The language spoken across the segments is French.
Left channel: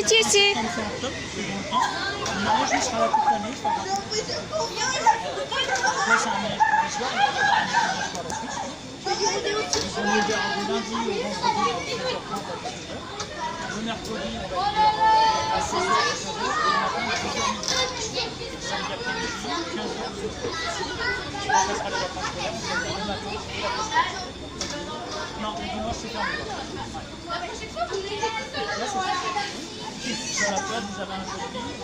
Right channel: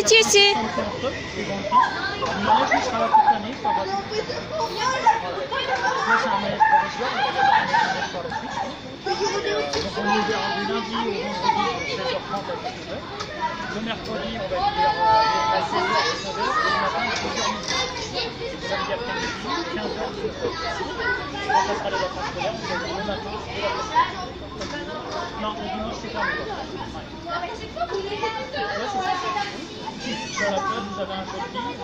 Titi aussi. Le manège lui sera là toute l'année, c'est pas gratuit. Après, c'est un manège provisoire, donc on a un manège pour la suite. Donc on est ouvert du lundi au vendredi de 16h30 à 19h. Le mercredi, on va être ouvert à 16h à 16h. Et le matin, à 12h midi. Samedi après-midi, 15h, 18h. Là, ça sera les vacances scolaires, donc le matin et l'après-midi. Non, le dimanche, c'est fermé. Là, c'est fermé. Sur la plage, vous avez un colis.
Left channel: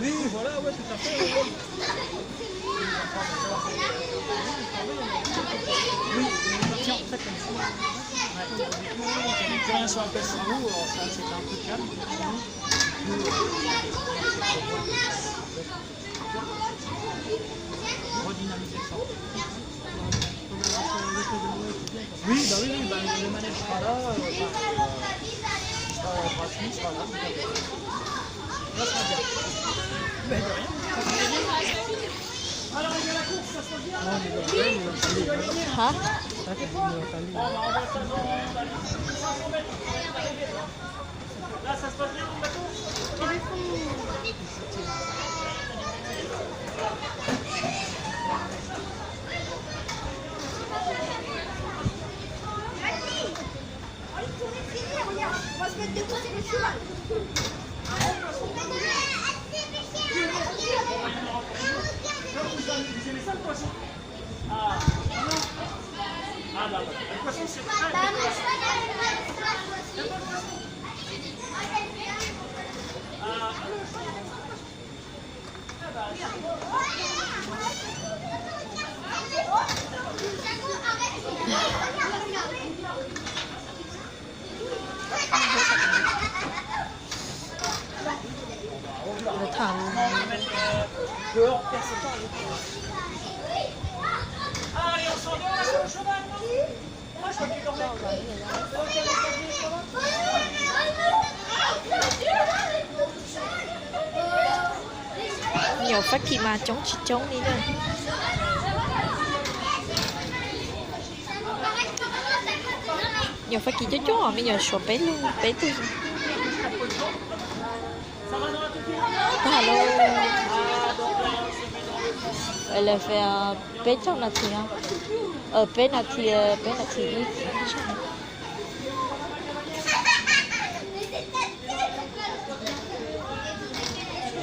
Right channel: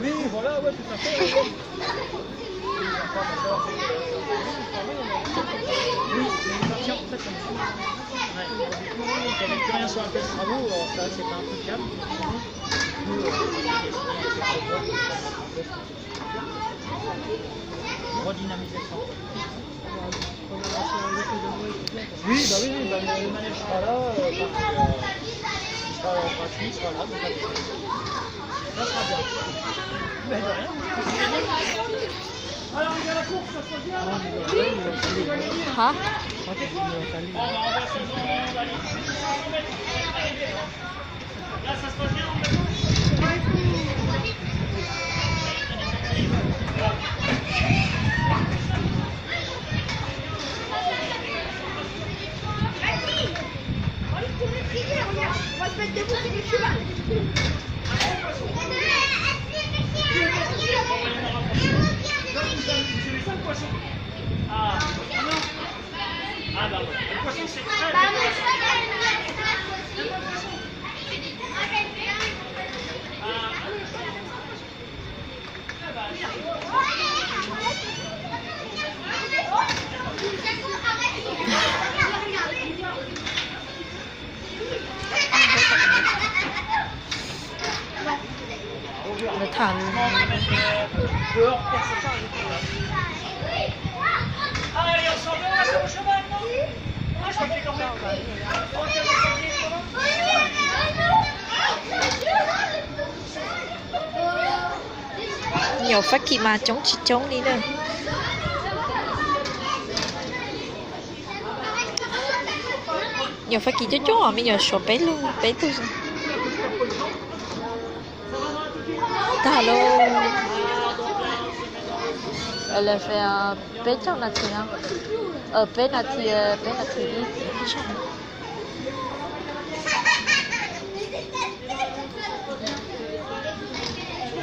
Oui, voilà, ouais, tout à fait. Oui, tiens, en fait, comme ça. Quand on n'a plus rien sur la place sur l'eau, ça, c'est pas un coup de calme. Redynamisation. Oui, bah oui, bah, le manège sera là, il sera gratuit, il sera là. Ça sera bien. Mais de rien. Alors, il y a la course, ça se passe bien. Hả? Là, ça se passe bien, on va On va se mettre debout sur le cheval. Vous aimez ça le poisson? Ah, non. Ah, bah voilà. Le poisson, c'est très intéressant. Le poisson. Le thằng Allez, on s'en va, on va sur le cheval, non? Ah, je crois que quand même. nhiều phát kỳ mà chống đi đây. Nhiều phát kỳ chống à, bây giờ sổ bé luôn, bé tôi. Hello. Elle a fait un bé trong là thì bé là thì